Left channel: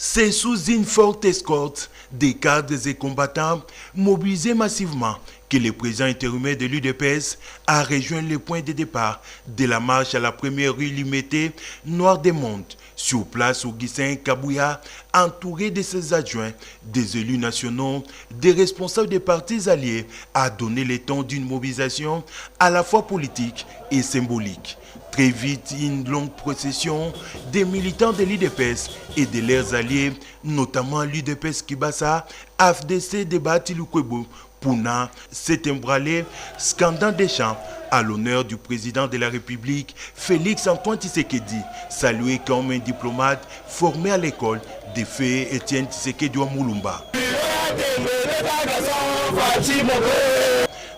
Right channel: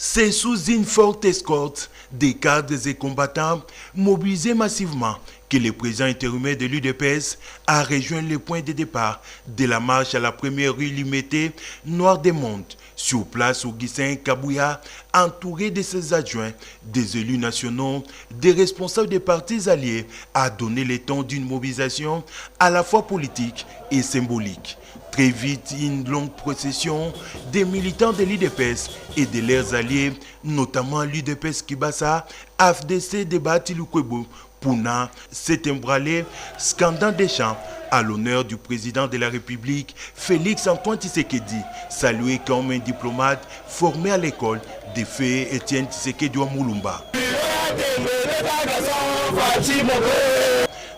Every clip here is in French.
C'est sous une forte escorte des cadres et combattants mobilisés massivement que le président intérimaire de l'UDPS a rejoint le point de départ de la marche à la première rue limitée Noir des Mondes. Sur place, Augustin Kabouya, entouré de ses adjoints, des élus nationaux, des responsables des partis alliés, a donné le ton d'une mobilisation à la fois politique et symbolique. Très vite, une longue procession des militants de l'UDPS et de leurs alliés, notamment l'UDPS Kibasa, AFDC de Batiloukwebo, Pouna, s'est emballé, scandant des chants à l'honneur du président de la République, Félix-Antoine Tshisekedi, salué comme un diplomate formé à l'école de feu Étienne Tshisekedi Moulumba.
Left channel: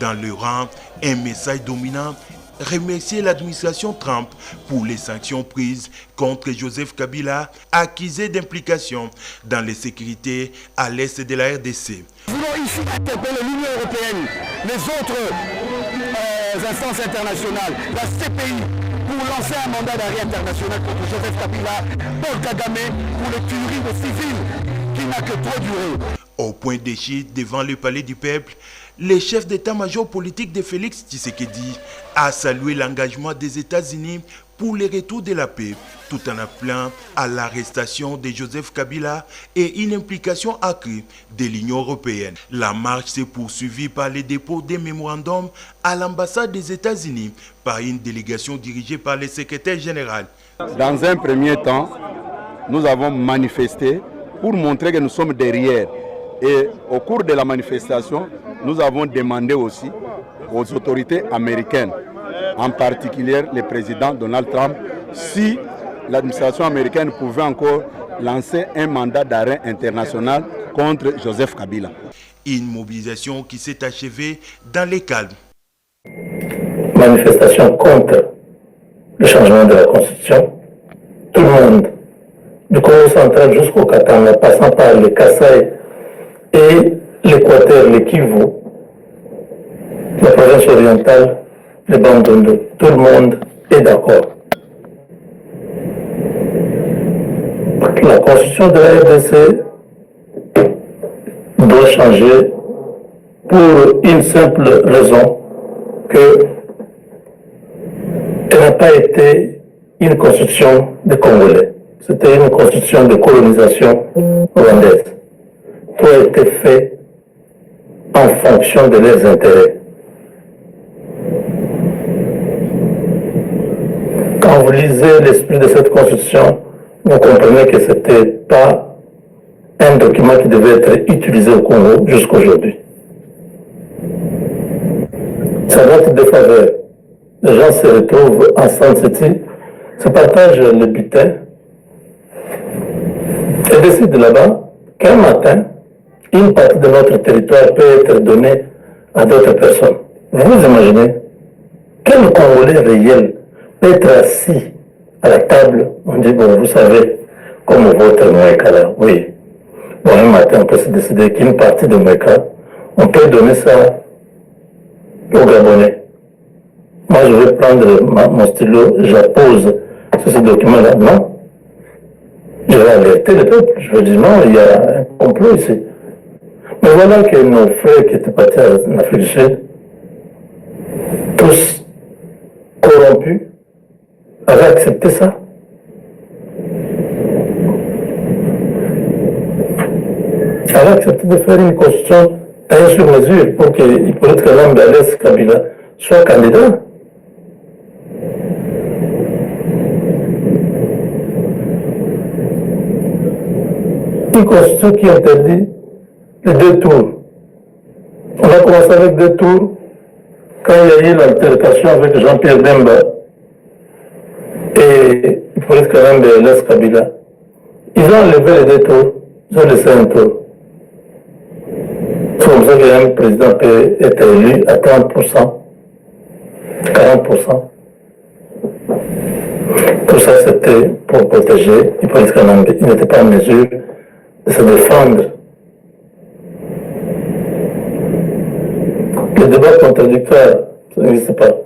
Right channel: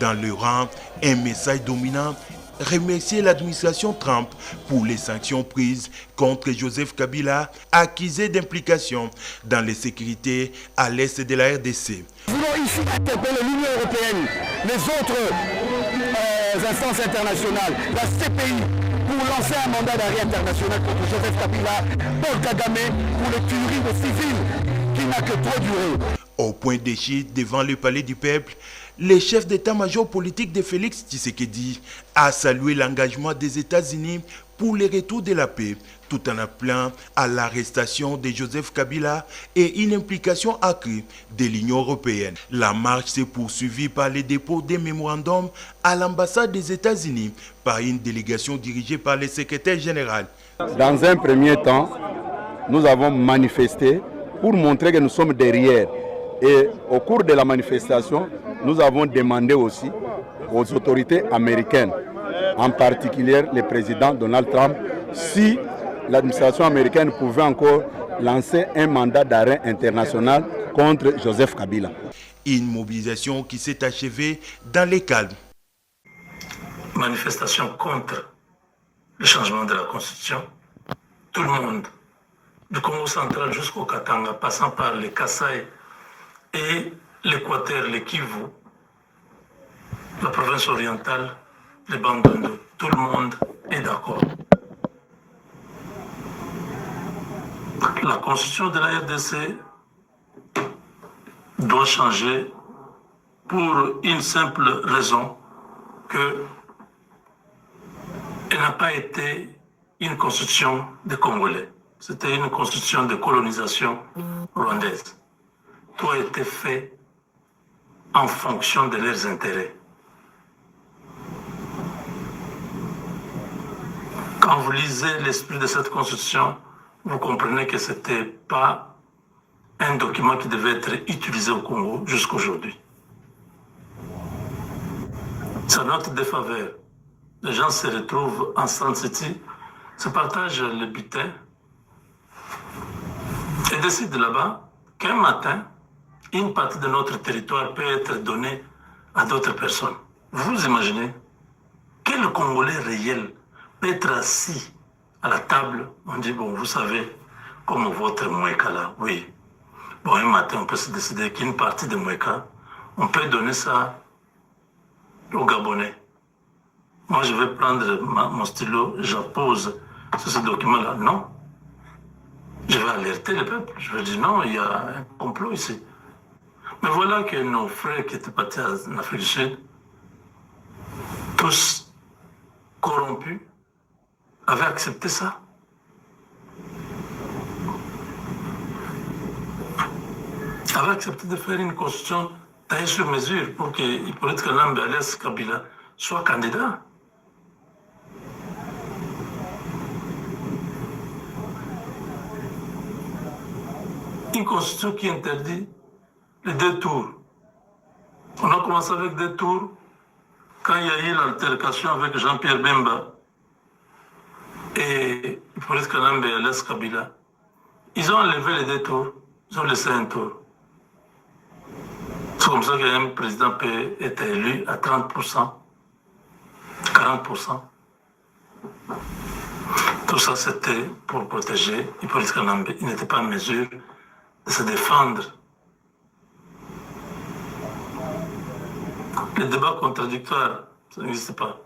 Dans le rang, un message dominant remercier l'administration Trump pour les sanctions prises contre Joseph Kabila, accusé d'implication dans les sécurités à l'est de la RDC. Nous voulons ici interpeller l'Union européenne, les autres instances internationales, la CPI, pour lancer un mandat d'arrêt international contre Joseph Kabila, Paul Kagame, pour les tueries de civils qui n'a que trop duré. Au point de chute devant le palais du peuple, le chef d'état-major politique de Félix Tshisekedi a salué l'engagement des États-Unis pour le retour de la paix, tout en appelant à l'arrestation de Joseph Kabila et une implication accrue de l'Union européenne. La marche s'est poursuivie par le dépôt des mémorandums à l'ambassade des États-Unis par une délégation dirigée par le secrétaire général. Dans un premier temps, nous avons manifesté pour montrer que nous sommes derrière. Et au cours de la manifestation, nous avons demandé aussi aux autorités américaines, en particulier le président Donald Trump, si l'administration américaine pouvait encore lancer un mandat d'arrêt international contre Joseph Kabila. Une mobilisation qui s'est achevée dans les calmes. Manifestation contre le changement de la Constitution. Tout le monde, du Congo central jusqu'au Katanga, passant par le Kasaï et l'Équateur, le Kivu, la province orientale, le Bandundu, tout le monde est d'accord. La constitution de la RDC doit changer pour une simple raison, que elle n'a pas été une constitution de Congolais. C'était une constitution de colonisation rwandaise. Tout a été fait en fonction de leurs intérêts. Quand vous lisez l'esprit de cette constitution, vous comprenez que ce n'était pas un document qui devait être utilisé au Congo jusqu'aujourd'hui. Ça doit être des faveurs. Les gens se retrouvent en Sun City, se partagent le butin et décident là-bas qu'un matin, une partie de notre territoire peut être donnée à d'autres personnes. Vous imaginez quel Congolais réel peut être assis à la table, on dit, bon, vous savez, comme votre Mweka là, oui. Bon, un matin, on peut se décider qu'une partie de Mweka, on peut donner ça aux Gabonais. Moi, je vais prendre mon stylo, j'appose sur ce document-là. Non. Je vais alerter le peuple. Je vais dire, non, il y a un complot ici. Mais voilà que nos frères qui étaient partis en Afrique du Sud, tous corrompus, avaient accepté ça. Avaient accepté de faire une constitution taillée sur mesure pour que Hippolyte Kalambales Kabila soit candidat. Une constitution qui interdit les 2 tours. On a commencé avec 2 tours quand il y a eu l'altercation avec Jean-Pierre Bemba et Hippolyte Kalambales Kabila. Ils ont enlevé les 2 tours, ils ont laissé un tour. C'est comme ça qu'un président peut être élu à 30%, 40%. Tout ça, c'était pour protéger Hippolyte Kalambales. Il n'était pas en mesure de se défendre. Le débat contradictoire, ça n'existe pas.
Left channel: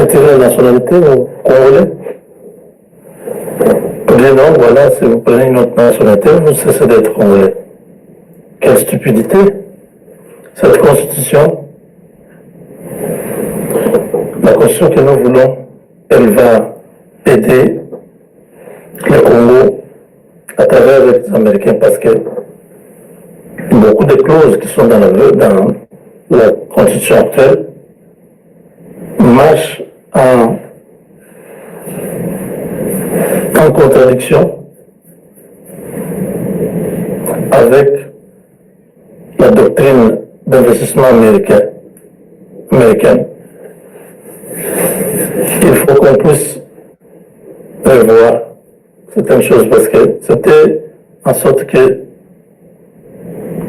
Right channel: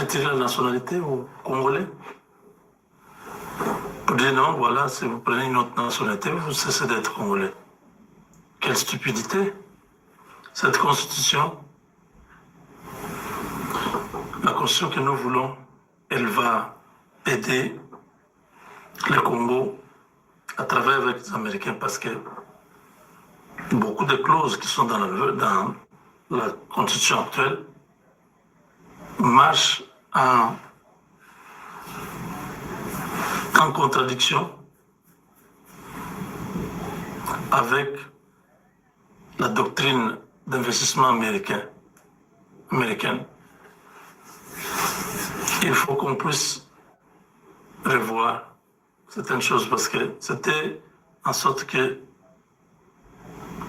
retirer la nationalité aux Congolais. Pour dire non, voilà, si vous prenez une autre nationalité, vous cessez d'être Congolais. Quelle stupidité! Cette constitution, la constitution que nous voulons, elle va aider le Congo à travers les Américains parce que beaucoup de clauses qui sont dans la constitution actuelle marchent en contradiction avec la doctrine d'investissement américaine. Il faut qu'on puisse revoir certaines choses parce que c'était en sorte que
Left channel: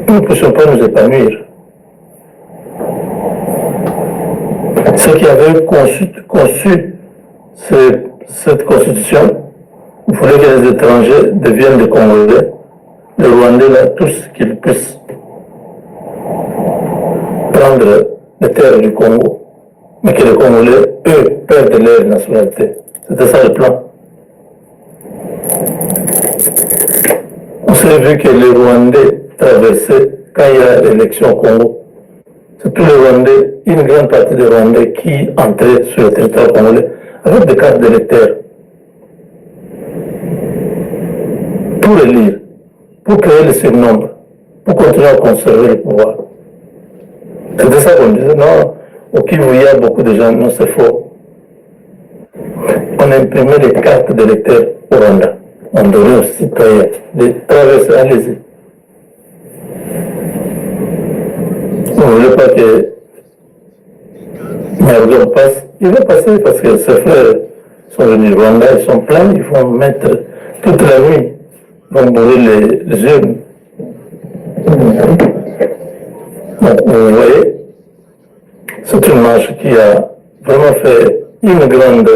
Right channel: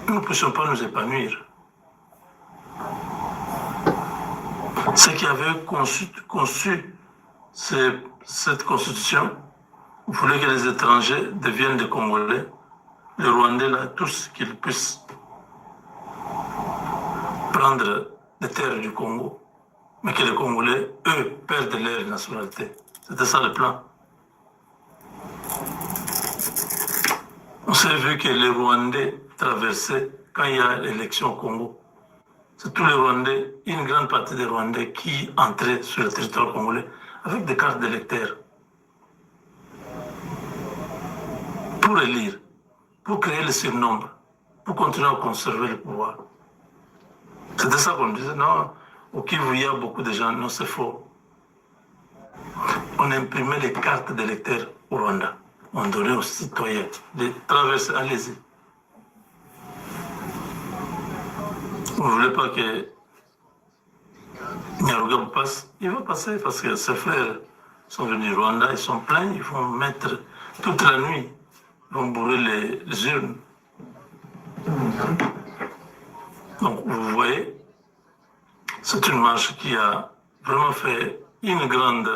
nous ne puissions pas nous épanouir. Ceux qui avaient conçu cette constitution voulaient que les étrangers deviennent des Congolais, les Rwandais, là, tous qu'ils puissent prendre les terres du Congo, mais que les Congolais, eux, perdent leur nationalité. C'était ça le plan. On s'est vu que les Rwandais traversaient quand il y a l'élection au Congo. C'est tous les Rwandais, une grande partie des Rwandais qui entraient sur le territoire congolais avec des cartes d'électeurs pour élire, pour créer le surnombre, pour continuer à conserver le pouvoir. C'était ça qu'on disait, non, au Kivu, il y a beaucoup de gens, non, c'est faux. On imprimait les cartes d'électeurs au Rwanda. On donnait aux citoyens de traverser, allez-y. On ne voulait pas que Nyarugabo passe. Il va passer parce que ses frères sont venus au Rwanda, ils sont pleins, ils vont mettre toute la nuit, ils vont brûler les urnes. Donc, vous voyez, c'est une marche qui a vraiment fait une grande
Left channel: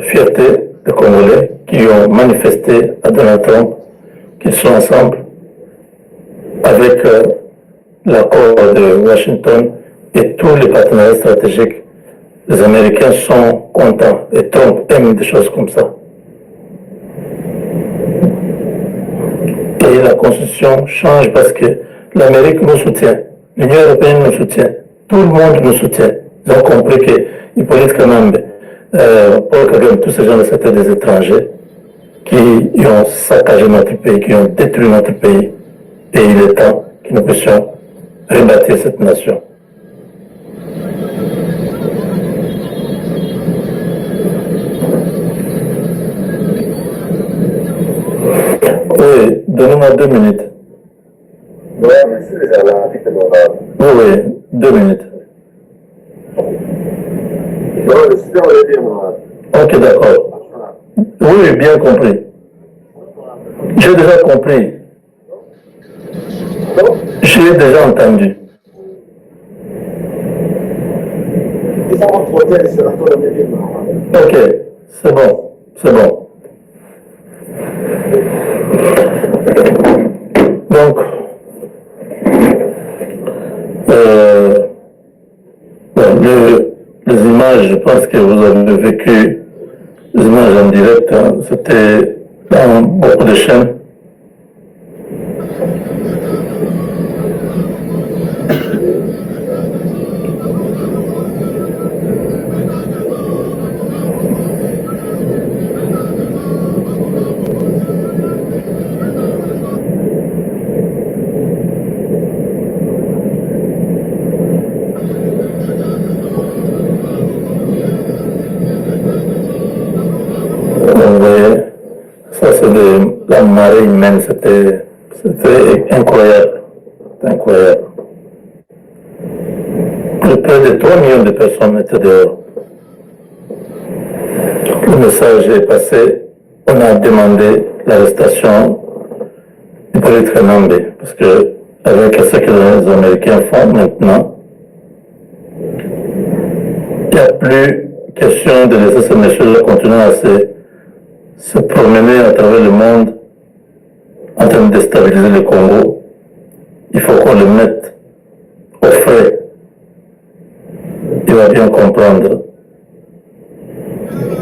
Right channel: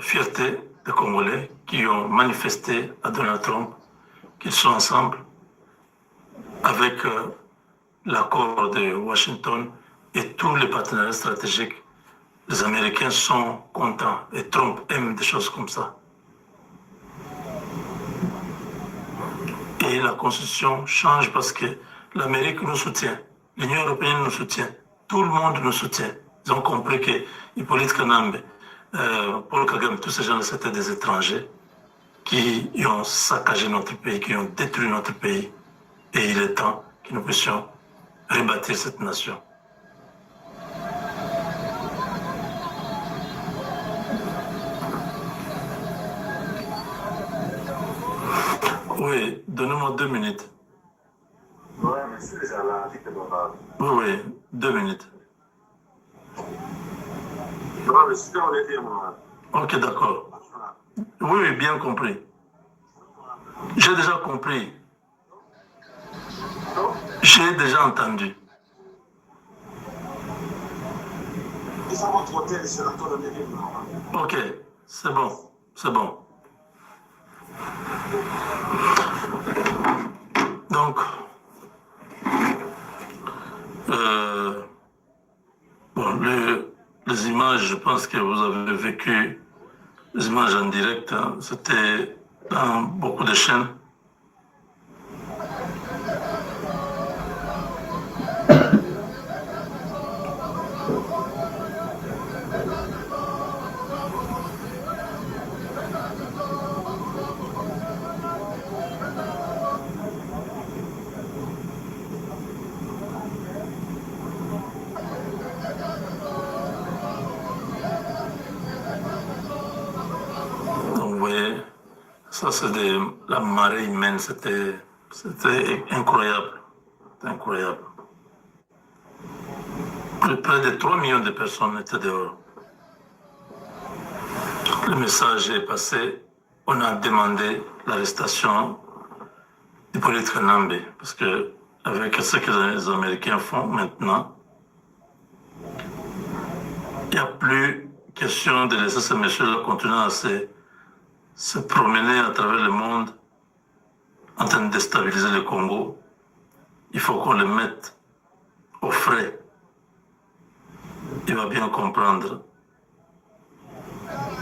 fierté des Congolais qui ont manifesté à Donald Trump qu'ils sont ensemble avec l'accord de Washington et tous les partenaires stratégiques. Les Américains sont contents et Trump aime des choses comme ça. Et la Constitution change parce que l'Amérique nous soutient, l'Union européenne nous soutient, tout le monde nous soutient. Ils ont compris que Hippolyte Kanambe, Paul Kagame, tous ces gens-là, c'était des étrangers qui ont saccagé notre pays, qui ont détruit notre pays. Et il est temps que nous puissions rebâtir cette nation. Oui, donnez-moi 2 minutes. Oui, monsieur, oui, 2 minutes. Non, le super, on l'a dit, moi. Ok, d'accord. Oui, bien compris. J'ai déjà compris. J'ai déjà entendu. Ok, c'est bon, c'est bon. Donc, les images, je pense que vous avez vécu les images en direct, hein, c'était dans beaucoup de chaînes. Ça, c'est de la marée humaine, c'était incroyable. C'était incroyable. Près de 3 millions de personnes étaient dehors. Le message est passé. On a demandé l'arrestation d'Hippolyte Kanambe, parce que avec ce que les Américains font maintenant, il n'y a plus question de laisser ce monsieur-là continuer à se promener à travers le monde en train de déstabiliser le Congo. Il faut qu'on le mette au frais. Il va dois bien comprendre.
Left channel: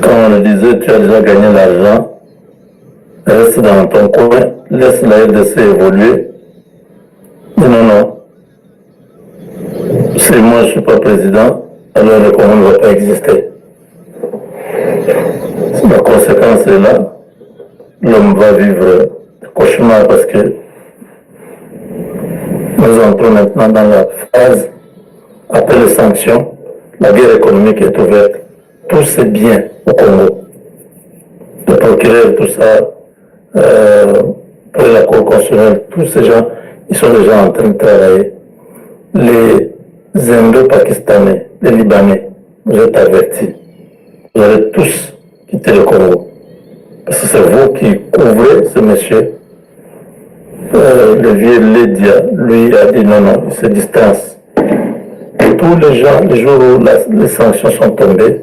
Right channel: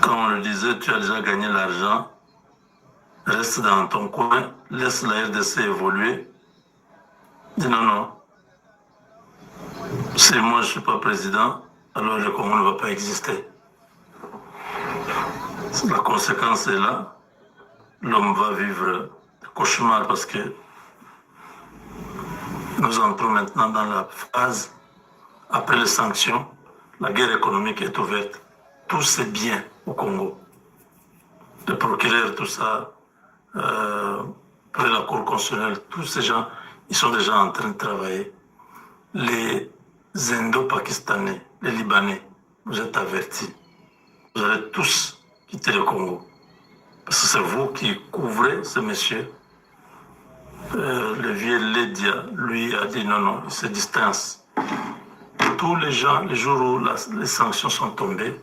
Quand on le disait, tu as déjà gagné l'argent, reste dans ton coin, laisse la RDC évoluer. Dis non, non. Si moi je ne suis pas président, alors le Congo ne va pas exister. La conséquence est là. L'homme va vivre des cauchemars parce que nous entrons maintenant dans la phase après les sanctions. La guerre économique est ouverte. Tout c'est bien au Congo. Le procureur, tout ça, pour la Cour constitutionnelle, tous ces gens, ils sont déjà en train de travailler. Les Indo-Pakistanais, les Libanais, vous êtes avertis. Vous allez tous quitter le Congo. Parce que c'est vous qui couvrez ce monsieur. Le vieux Lédia, lui, a dit non, non, il se distance. Tous les gens, les jours où les sanctions sont tombées,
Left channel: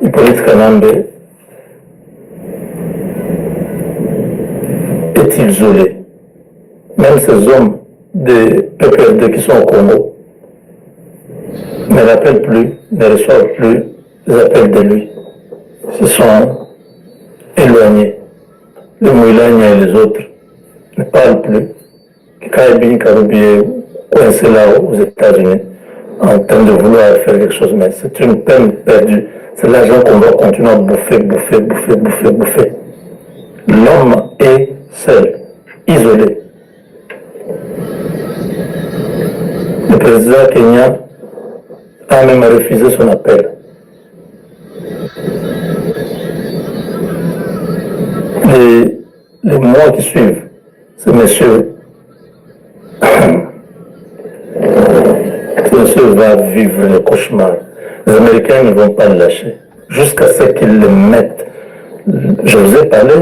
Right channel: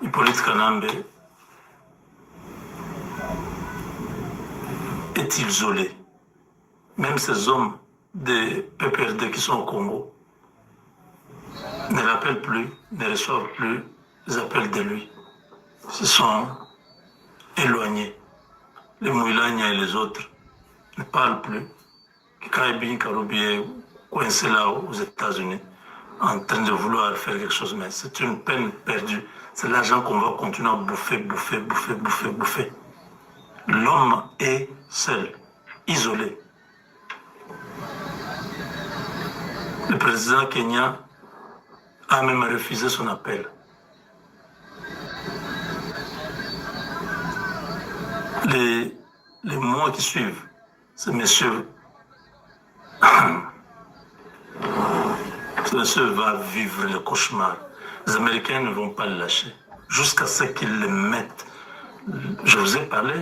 Hippolyte Kanambe est isolé. Même ces hommes des PPRD qui sont au Congo ne l'appellent plus, ne reçoivent plus les appels de lui. Ils se sont éloignés. Les Mouilagna et les autres ne parlent plus. Kaibin Karoubi est coincé là aux États-Unis en train de vouloir faire quelque chose, mais c'est une peine perdue. C'est l'argent qu'on va continuer à bouffer. L'homme est seul, isolé. Le président kenyan a même refusé son appel. Les mois qui suivent, ce monsieur va vivre le cauchemar. Les Américains ne vont pas le lâcher jusqu'à ce qu'ils le mettent. Je vous ai parlé.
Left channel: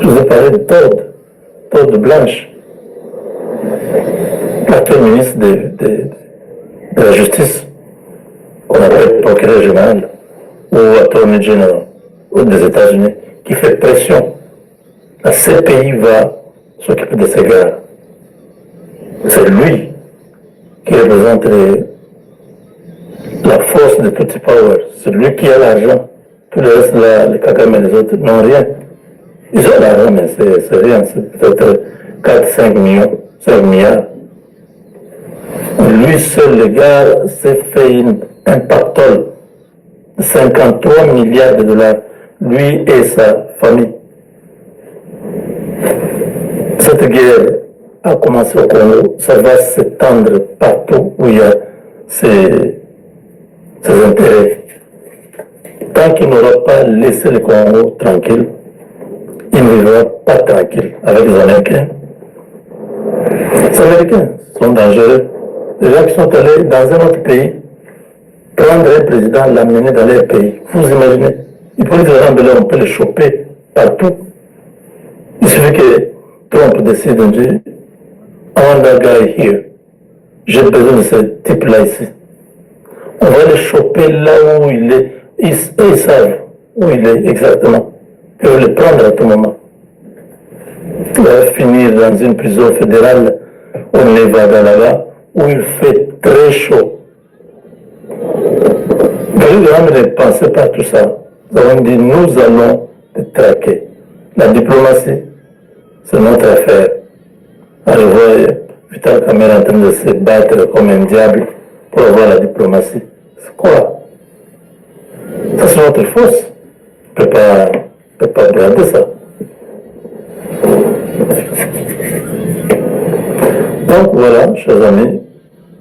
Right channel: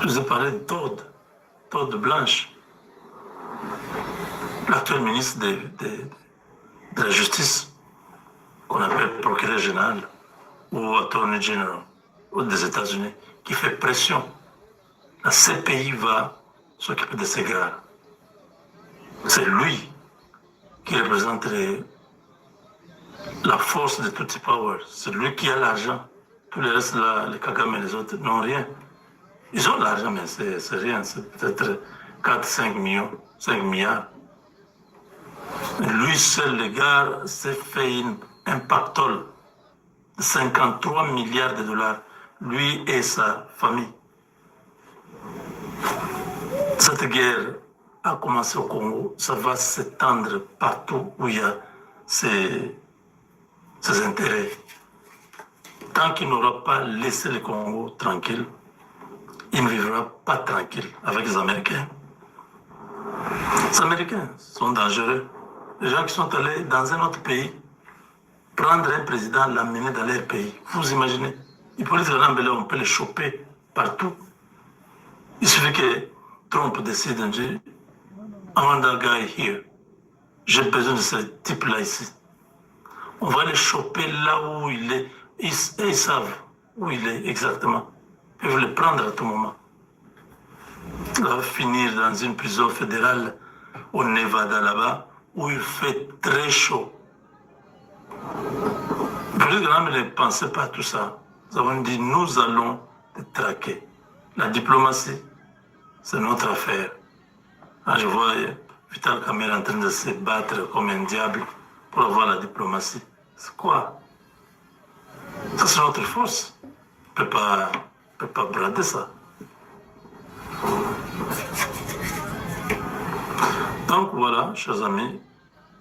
Je vous ai parlé de Todd Blanche, l'actuel ministre de la Justice, qu'on appelle procureur général ou attorney general des États-Unis, qui fait pression. La CPI va s'occuper de ces gars. C'est lui qui représente la force de Tutsi Power. C'est lui qui a l'argent. Tous les restes, les Kagame et les autres, n'ont rien. Ils ont l'argent, mais c'est rien. C'est peut-être 4-5 millions, 5 milliards. Lui seul, le gars, s'est fait un pactole de 53 milliards de dollars. Lui et sa famille. Cette guerre a commencé au Congo, ça va s'étendre partout où il y a ses intérêts. Tant qu'il n'aura pas laissé le Congo tranquille, il ne vivra pas tranquille avec les Américains. Les Américains sont dangereux. Les gens qui sont allés dans un autre pays, prendre un président, l'amener dans leur pays. Vous imaginez, il peut les rembellir, on peut les choper partout. Il suffit que Trump décide de dire I want that guy here. J'ai besoin de ce type-là ici. On va le choper là où il est. Ils savent où il est exactement. Ils peuvent le prendre à tout moment. Il va finir dans une prison fédérale au Nevada là-bas où il fait très chaud. Vous ne pensez pas à tout ça. Nous avons dit nous allons te traquer. La diplomatie, c'est notre affaire. Je vois Vital Kamerhe en train de se battre comme un diable pour avoir la diplomatie. C'est quoi? Ça, c'est notre force. On ne peut pas brader ça. Donc voilà, chers amis,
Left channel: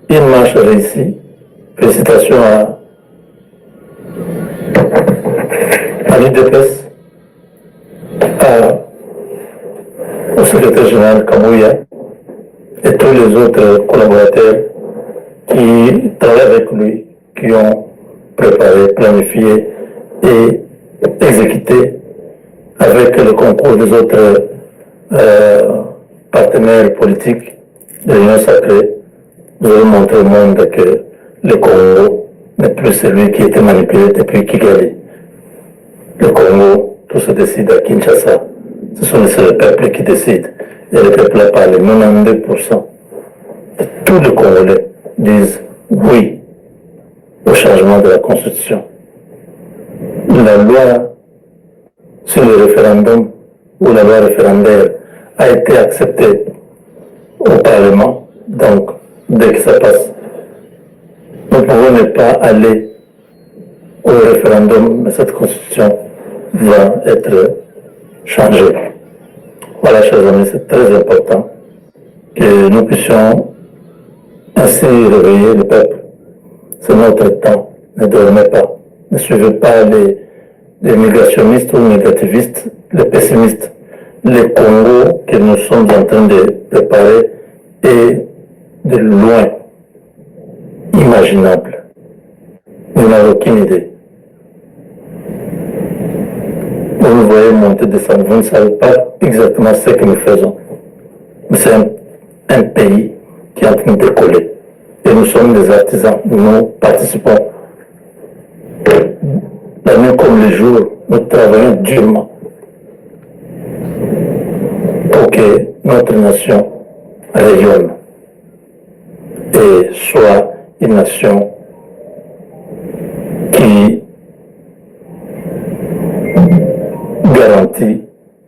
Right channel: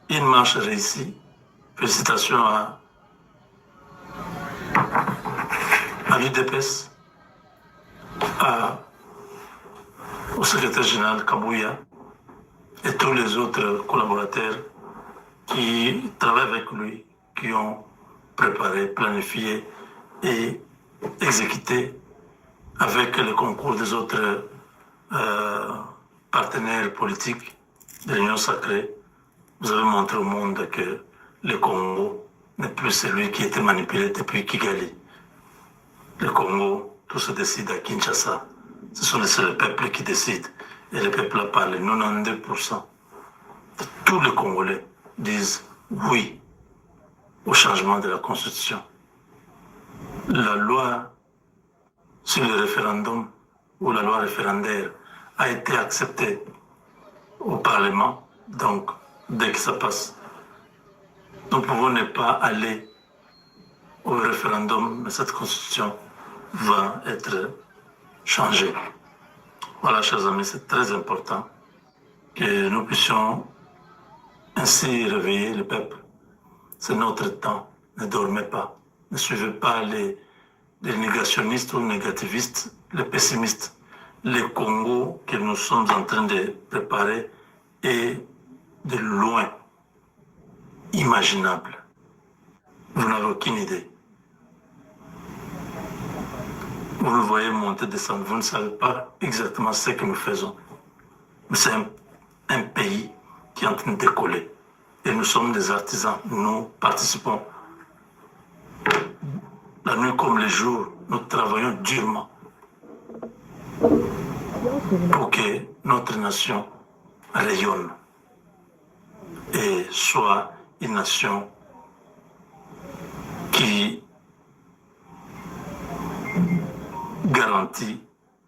une marche réussie. Félicitations à l'UDPS, au secrétaire général Kabouya et tous les autres collaborateurs qui travaillent avec lui, qui ont préparé, planifié et exécuté avec le concours des autres partenaires politiques de l'Union sacrée. Vous avez montré au monde que le Congo n'est plus celui qui était manipulé depuis Kigali. Le Congo, tout se décide à Kinshasa. C'est le peuple qui décide. Et le peuple a parlé, 92%. de tous les Congolais disent oui au changement de la Constitution. La loi sur le référendum ou la loi référendaire a été acceptée au Parlement, donc dès que ça passe, nous pouvons ne pas aller au référendum, mais cette Constitution va être changée. Voilà, chers amis, c'est très important que nous puissions ainsi réveiller le peuple. C'est notre temps, ne dormez pas. Ne suivez pas les négationnistes ou négativistes, les pessimistes. Le Congo que nous sommes en train de préparer est de loin imaginable. Vous n'avez aucune idée. Vous nous voyez monter, descendre, vous ne savez pas exactement ce que nous faisons. Mais c'est un pays qui est en train de décoller. Et nous sommes des artisans, nous participons. La nuit comme le jour, nous travaillons durement pour que notre nation rayonne et soit une nation qui garantit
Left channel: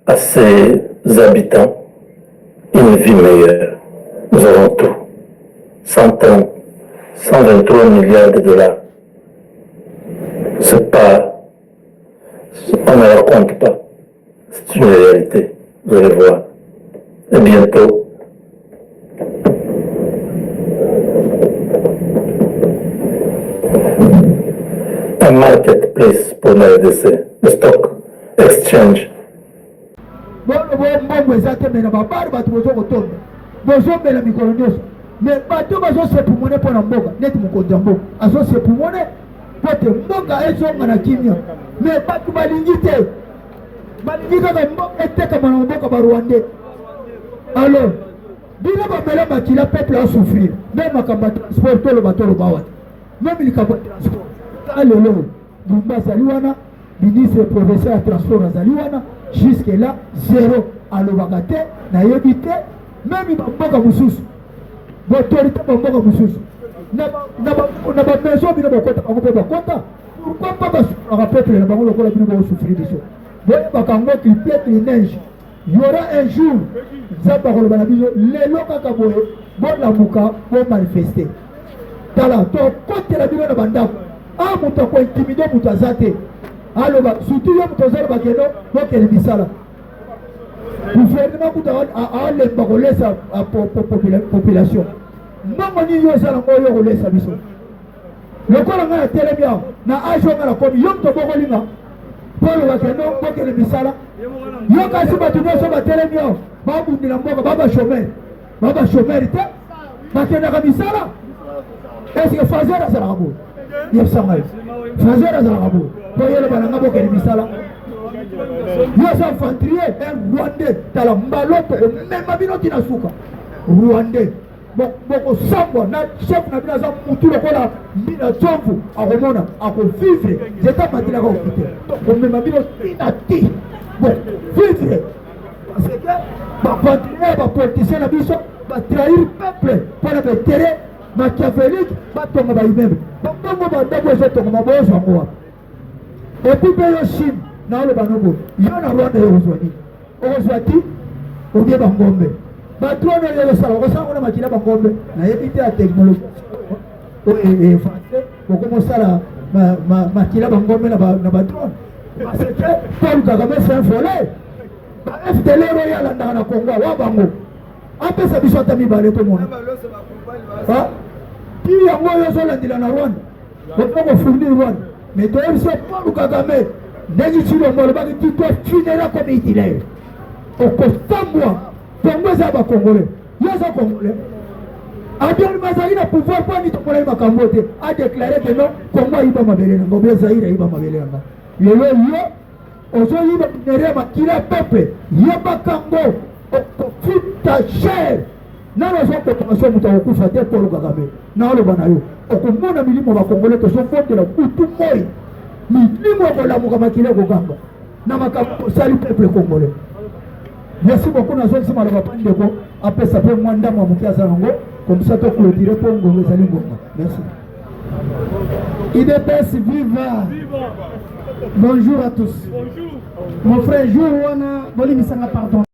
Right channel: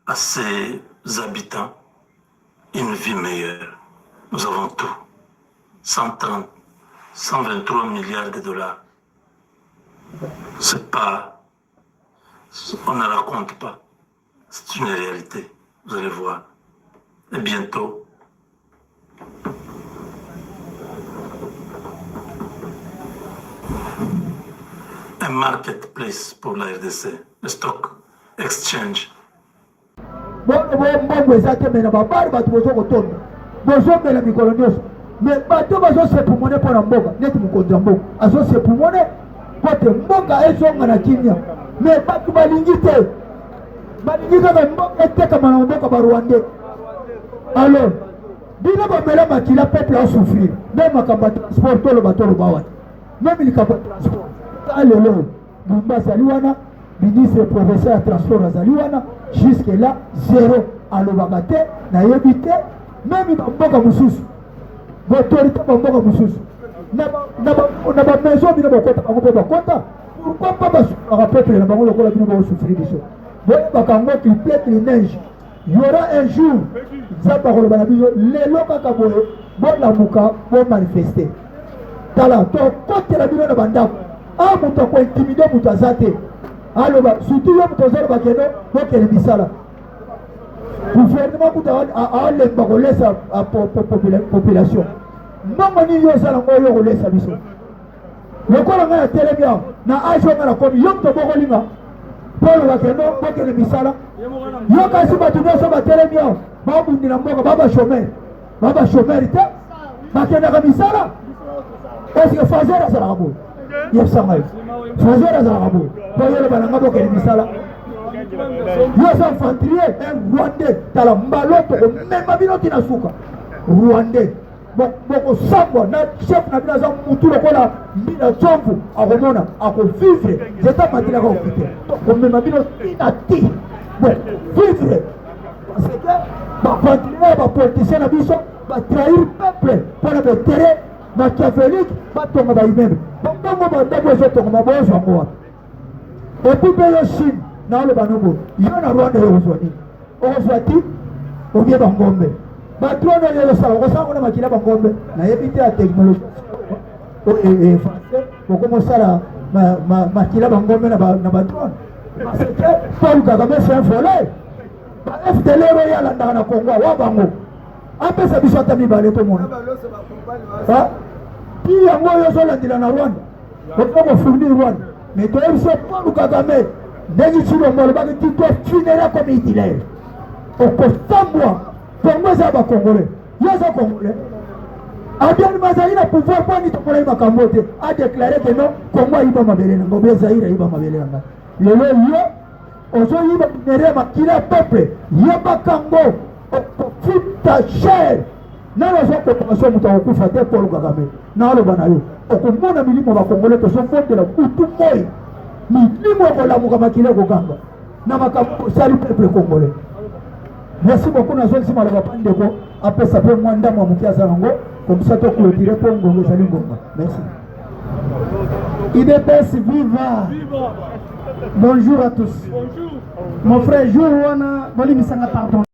à ses habitants une vie meilleure. Nous avons tout. 130, 123 milliards de dollars. C'est pas, on ne raconte pas. C'est une réalité. Vous allez voir. Et bientôt, un marketplace pour la RDC, le stock exchange. Mais bato bazo se pumone pona mboka neti mukonzi mboka azo se pumone pote mboka ezonga na kimia mais bato balingi te kaka mboka eteka mana mboka ba Rwandais. Alors bino bamela makila peuple a souffrir même makamba transport tolo batolo bawa même likamba transport alelo Bumba Zaliwana ministre provincial de transport Zaliwana jusque là zéro alobagate na yebite même mboka mususu l'autorité bamboka mususu na ba maison bino bakota bango bakota pourquoi pas ba peuple na bango lokola bino ba souffrir biso boye bakango qui pète les neiges il y aura un jour zamba koloba na biso lelo kaka boye bona muka bo manifester tala to côté la bino na bandako a muto ko intimider muto azate aloba surtout yo muto zero bakeno bokele bisala gouvernement kuta a lemba ko laisser à population mbongo ni yo sala ngo yo ko laisser biso lokola nga telebia na ajo nga na komi yo to bokolinga polo bakeno bokele bisala yo kasi batu nyonso batelemia babundila mboka baba chômeur te bakendaka misala eske fazer azalaka boye yebisanga yo fazer azalaka boye po yoloba nanga bokele misala yo sa infanterie un Rwandais tala mbaloto omema bino tina suka Rwandais boko sangwa na chef na bino aza mutu lokola mbina tshomvu akomona akovivre zeta matilaka okite omema bino tina ti bon vivre parce que bacontinue bapoliticien na biso batrahir peuple mpona batere machiavélique batonga baimmeuble bongo bandeko ezotonga mabozo yango wapi epuis mpe yo Chine naoloba nobo yo na Rwanda yo kozwa nini okozwa ti obie bangombe batrone oyo yosala okosala ngo na makila bangombe nayebi te ya technologie français okomosala makila bangombe na badrone parce que Paul Kagame c'est un voleur ba FDLR oyo alandaka na Congo wa bango apesa biso ata mibale tomona ti yango oyo ozolandela na Rwanda okofournir Rwanda mais toyebi so Paul Kagame ndenge Chilombo alobaki tu dois finira comme Hitler okotambwa Congo eza bakongolais yo eza congolais Abiyarimana azali na pouvoir mpo ani tokolaki makambo te adéclaré que non Congo ayiba mabele nango obe Zaire ayiba mabele nanga lelo yo ozoyiba minere makila peuple yebakango okofuta cher nano ozokotongaso moto akokufa te Paul Kagame naaloba na yo okomona milimo bakongolais tozofondela kutu moi milimo okolamuka makila ekoganga na makambo osali peuple congolais. Merci beaucoup na zone si maloba pandeko apesa pe mwanda mwa mukia zango Comme ça, tu as clôturé pour Ngongo Zali Ngonga. Merci. IDPS viva. Bonjour à tous. Bonjour. Mon frère Jourouana, pardon.